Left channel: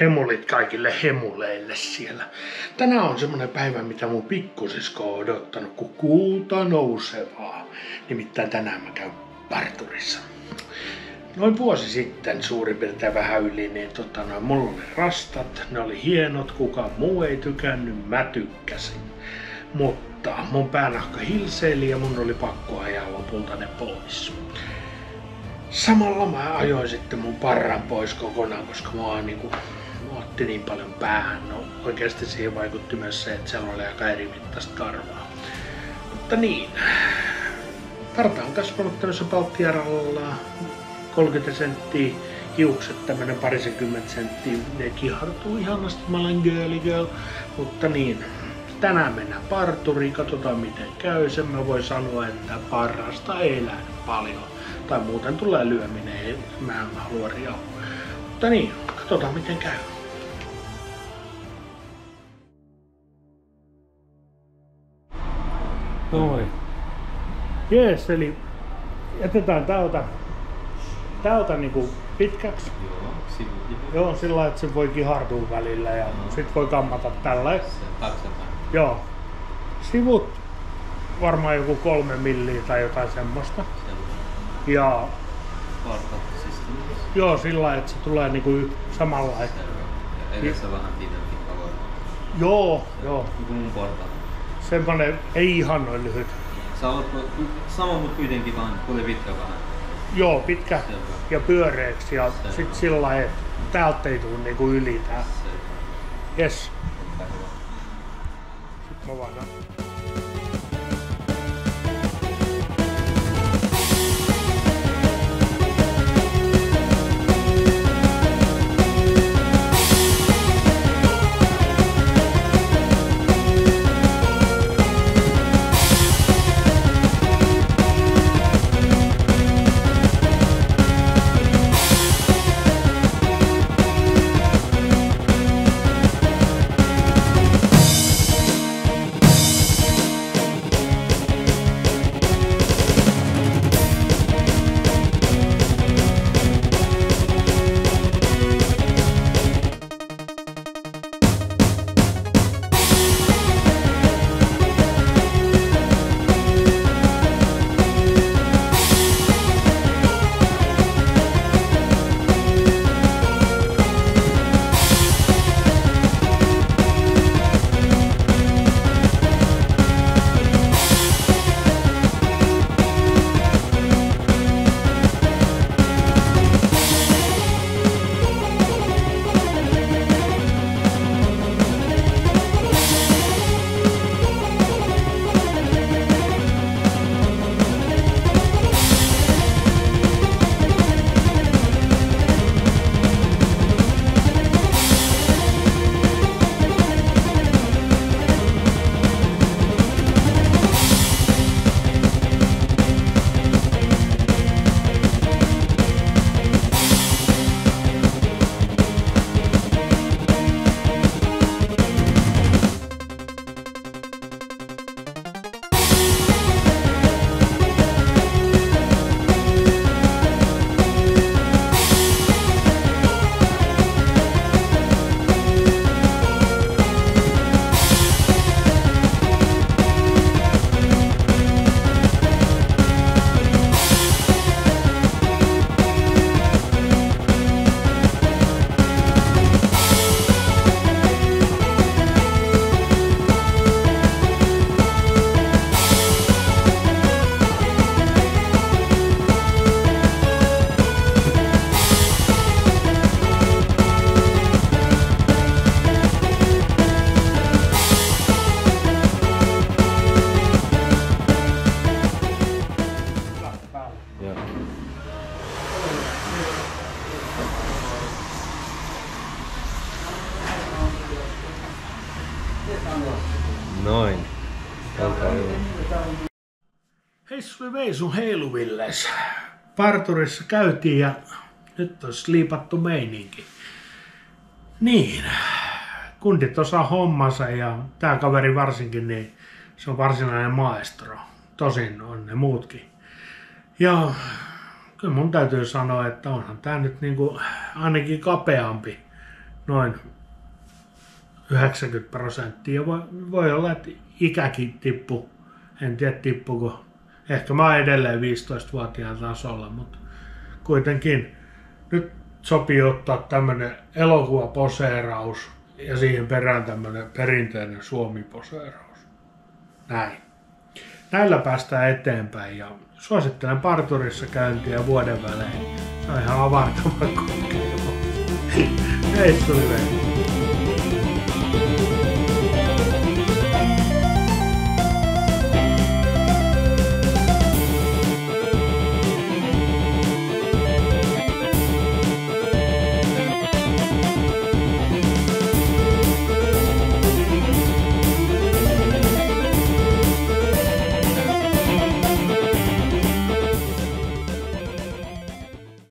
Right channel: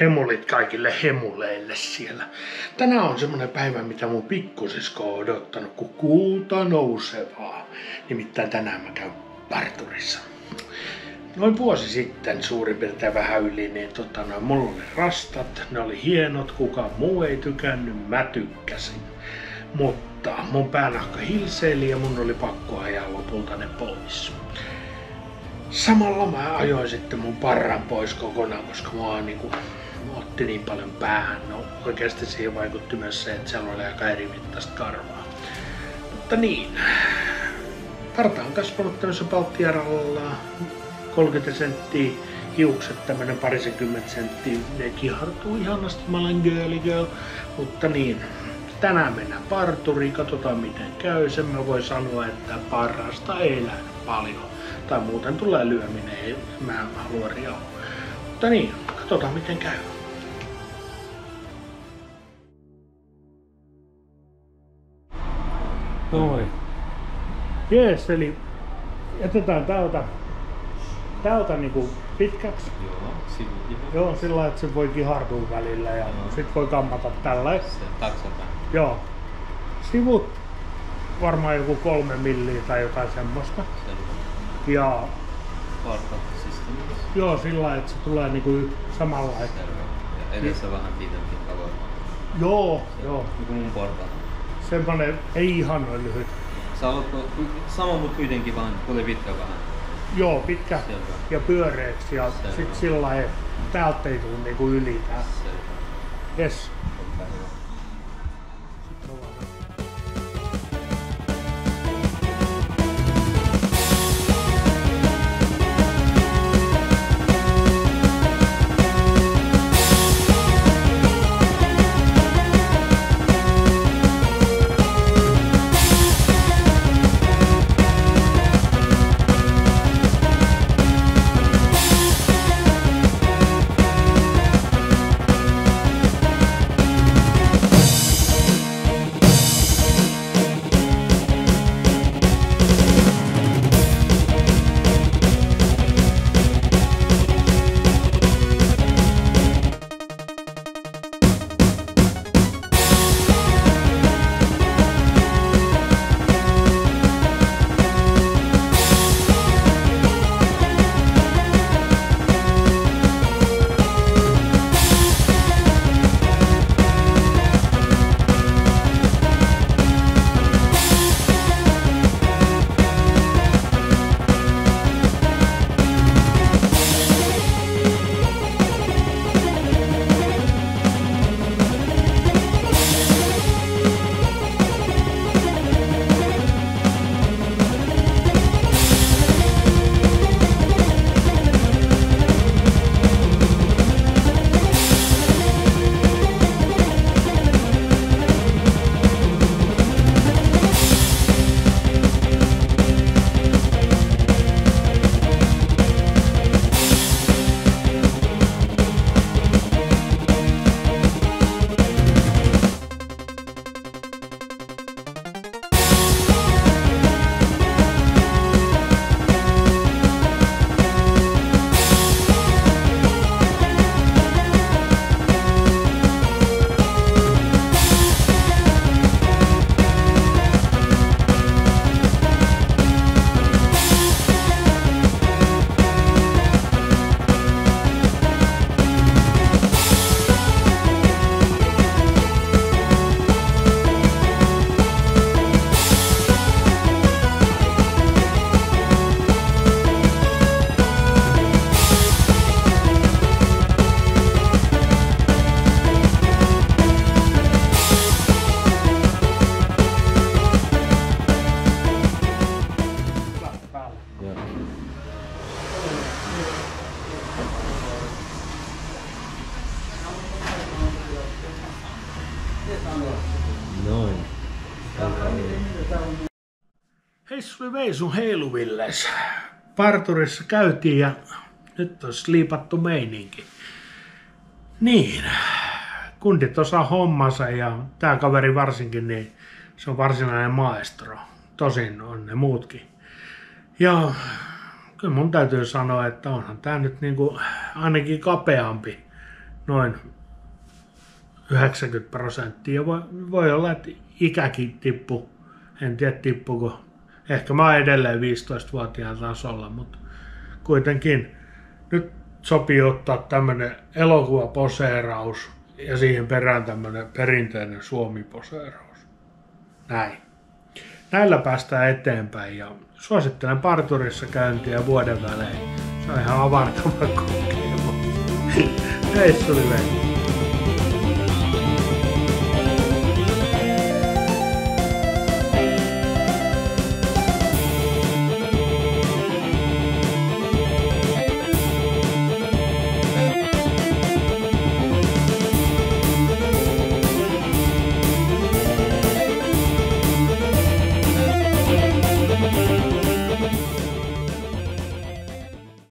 Hemulit kaikille hemuleille siellä. Tänään on semmonen päivä, mitä mun pikkusisko on odottanut, kun kuuta nousevaa. Nimittäin tänään mä käyn parturissa. Noin vuosi sitten suurin piirtein vähän yli, niin mulla oli rastat, ne oli hienot, kukaan muu ei tykännyt, mä tykkäsin. Mutta mun päänahka hilseili ja mun oli pakko ajaa lopulta ne pois. Samalla mä ajoin sitten mun parran pois kokonaan, koska mua otti niin paljon päähän. No oikeasti siihen vaikutti myös se, että siellä oli aika eri mittaista karvaa. Mutta niin, parta on kasvanut tämmöisessä palttijärjellä 30 senttiä, hiukset tämmönen 20 senttiä, ne kihartuu ihanasti, mä olen girly girl, mutta niin, tänään mennään parturiin, katsotaan miten käy. Sen mä voin sanoa, että parrasta ei lähde paljon. Tai muuten tulee lyöminen, mä en halua riauhua. Mutta niin, katsotaan miten käy. Noin. Jees, eli jätetään täältä niinku pitkäksi. Joo, sillä lailla, että se voi kihartua välillä ja sit voi kammata tällä. Taksapäin. Joo. Sivut varmaan joku 3 milliä tai jotain semmoista. Ja joo, sillä lailla, että se tulee niinku samalla. Ja edessä vähän pidempi tavoin. Joo. Niinku mun portaat. Semmonen ei ihan noin lyhyt. Sä olet sama mut kuitenkin vaan tuli pitkä vähän. Joo, pitkä ja pyöreäksi ja sit sillä lailla, että täältä ei tuu niinku yli tää. Jes. Sitten mä vaan Noin. Heissui veisun heiluvilles. Parturissa käytiin ja nyt on sliipattu meininki. Niin, kundit osaa hommansa ja tää kaveri varsinkin, niin se on varsinainen maestro. Tosin on ne muutkin. Ja kyllä mun täytyy sanoa, että onhan tää nyt niinku ainakin kapeampi noin 90%. Voi olla, että ikäkin tippuu. En tiedä tippuuko. Ehkä mä oon edelleen 15-vuotiaan tasolla, mutta kuitenkin nyt sopii ottaa tämmönen elokuvaposeeraus ja siihen perään tämmönen perinteinen Suomi-poseeraus. Näin. Näillä päästään eteenpäin ja suosittelen parturissa käyntiä vuoden välein. Se on ihan avartava kokeilu. Hei, tuli